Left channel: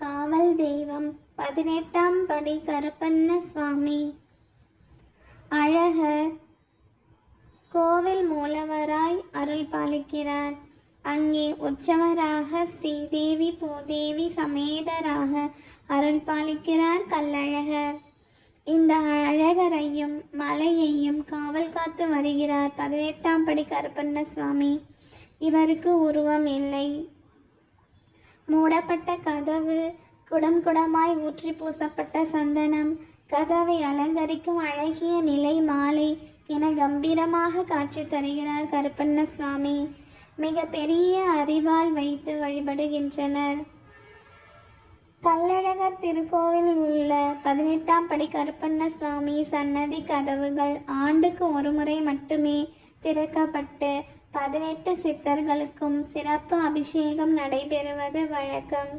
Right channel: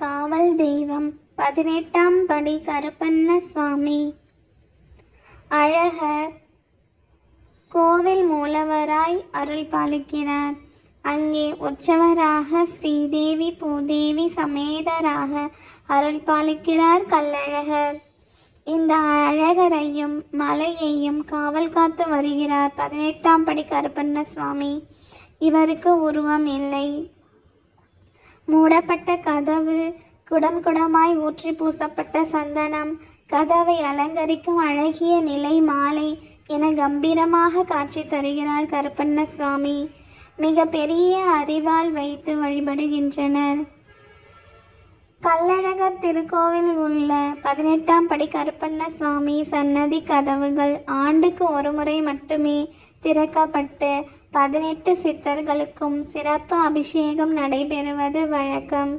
காவல் தெய்வம் 18ஆம் படி கருப்பண்ண சுவாமி. அழகர் கோவில் மூலவராய் அருள் பாலிக்கிறார். அங்கே உற்சவராக ஸ்ரீதேவி பூதேவி சமேதராக அருள் பாலிக்கிறார் கள்ளழகர். இந்த அழகரையும் மலையையும் காவல் காத்து வருகிறார் 18ஆம் படி கருப்பண்ண சுவாமி. இவருக்கு உருவம் இல்லை. மூடப்பட்ட கதவு, குடம் குடமாய் ஊற்றி பூசப்பட்ட சந்தனம், கதவை அலங்கரிக்கும் அழகிய நிலை மாலை என கம்பீரமாக காட்சி தருகிறார் கருப்பண்ண சுவாமி. மிக பெரிய அறிவால் வைத்து வழிபடுகின்றனர். கள்ளழகர் திருக்கோவிலில் உள்ள 18ஆம் படி கருப்பண்ண சுவாமி சன்னதி கதவுகள் ஆண்டுக்கு ஒரு முறை மட்டுமே திறக்கப்பட்டு 18 சித்தர்களுக்கும் சிறப்பு அபிஷேகம் நடைபெறுவது வழக்கம்.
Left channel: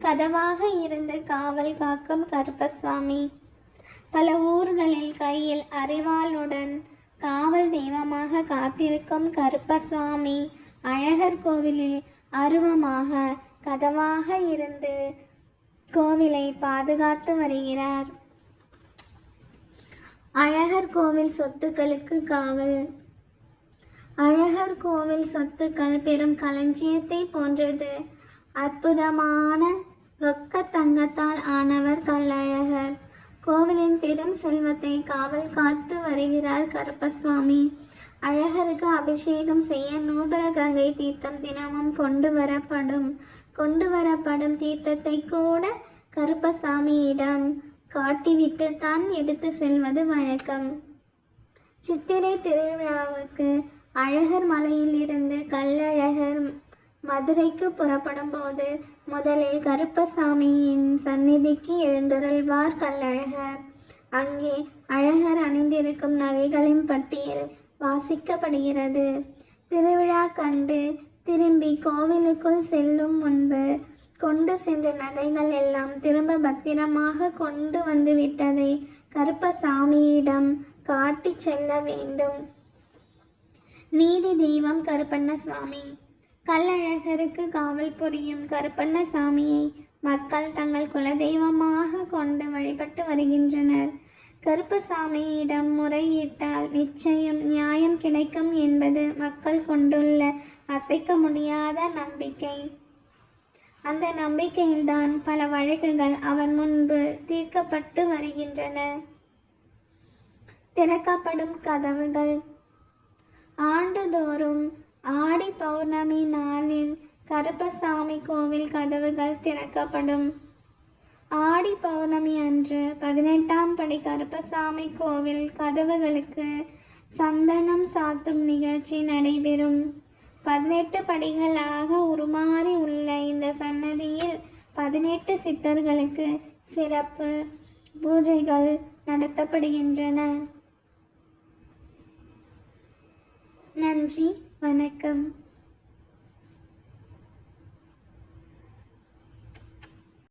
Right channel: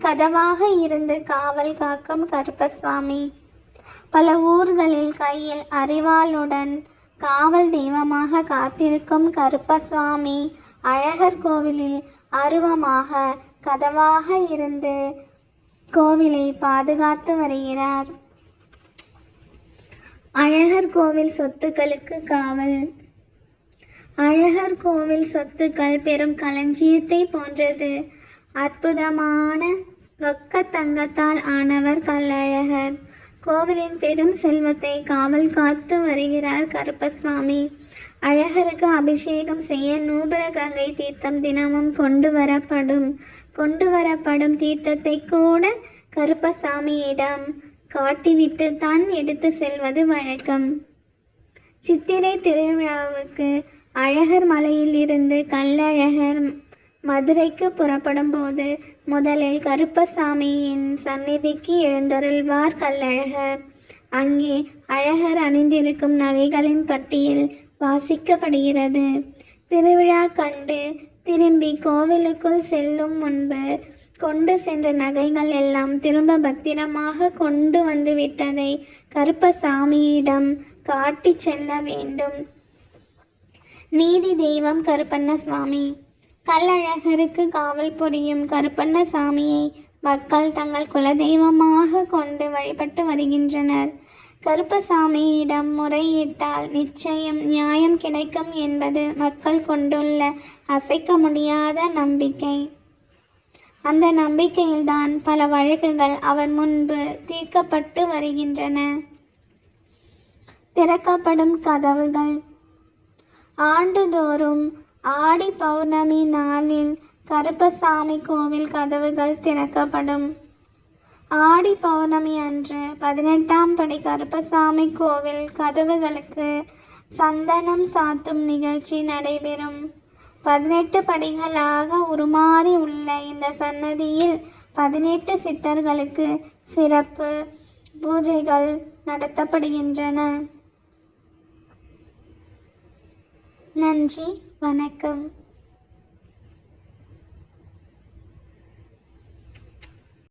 கதவாக இருந்து காவல் காக்கும் கருப்பசுவாமி. பல ஊர்களில் கையில் அறிவாளுடன் காவல் தெய்வமாக காத்திருக்கும் கருப்பசுவாமி அழகர் கோவிலில் அருவமாக கதவாக இருந்து கோவிலை பாதுகாத்து வருகிறார். அழகர் கோவில் சொத்துக்களுக்கு காவல். அழகர் கோவில் சொத்துக்கள் பெரும் களஞ்சியத்தை போன்றது. அற்புதமான ரொக்க தங்கத்தால் ஆனவர் கள்ளழகர். கோவிலின் பெரும் செல்வத்தை காவல் காத்து வருகிறார் கருப்பசுவாமி. அழகருக்கு அபிஷேகம் செய்ய நூபுர கங்கை தீர்த்தம் தினமும் கொண்டு வரப்படும் தீர்த்தத்தை கூட கருப்பசாமியிடம் காட்டிவிட்டு தான் எடுத்து செல்வது வழக்கம். சித்திரை திருவிழாவுக்கு அழகர் மலையில் இருந்து கள்ளழகர் மதுரைக்கு புறப்படும் போது முதலில் கருப்பசாமியின் சந்நிதிக்கு எழுந்தருள்வார் கள்ளழகர். அங்கே அழகர் அணிந்திருக்கும் நகைகளின் பட்டியல் வாசிக்கப்படுகிறது. திருவிழா கண்டு திரும்பி கோவிலுக்குள் செல்லும் முன்பு கொண்டு சென்ற நகைகள் எல்லாம் திரும்ப பத்திரமாக கொண்டு வந்து விட்டதை கருப்பசாமியிடம் காட்டி செல்ல வேண்டும். நீதி தெய்வம் கருப்பண்ண சுவாமி. கள்ளழகருக்கு காவல் புரியும் கருப்பண்ண சாமியை மக்கள் தங்கள் குலதெய்வமாக கொண்டு வழிபட்டு வருகின்றனர். கருப்பசாமியிடம் முறையிட்டால் நிச்சயம் நியாயம் கிடைக்கும் என்பது மக்கள் கொண்டுள்ள அசைக்க முடியாத நம்பிக்கை. அந்த நம்பிக்கையில்தான் பல வழக்குகள் அவர் முன்பு தீர்க்கப்பட்டு வருகின்றன. திறக்கப்படும் கதவுகள். ஆண்டுதோறும் ஆடி பௌர்ணமி நாளில் கருப்பசாமி கோவில் கதவுகள் திறக்கப்படும். ஆடி பௌர்ணமி அன்று 18ஆம் படி கருப்பசாமி கோவில் கதவுகளுக்கு சந்தனம் சாத்தும் நிகழ்ச்சி நடைபெறும். 18 படிகளாக உருமாறி உள்ள இந்த சன்னதியில் 18 சித்தர்களுக்கு சிறப்பு பூஜைகள் நடத்தப்படுகின்றன. நன்றி, வணக்கம்.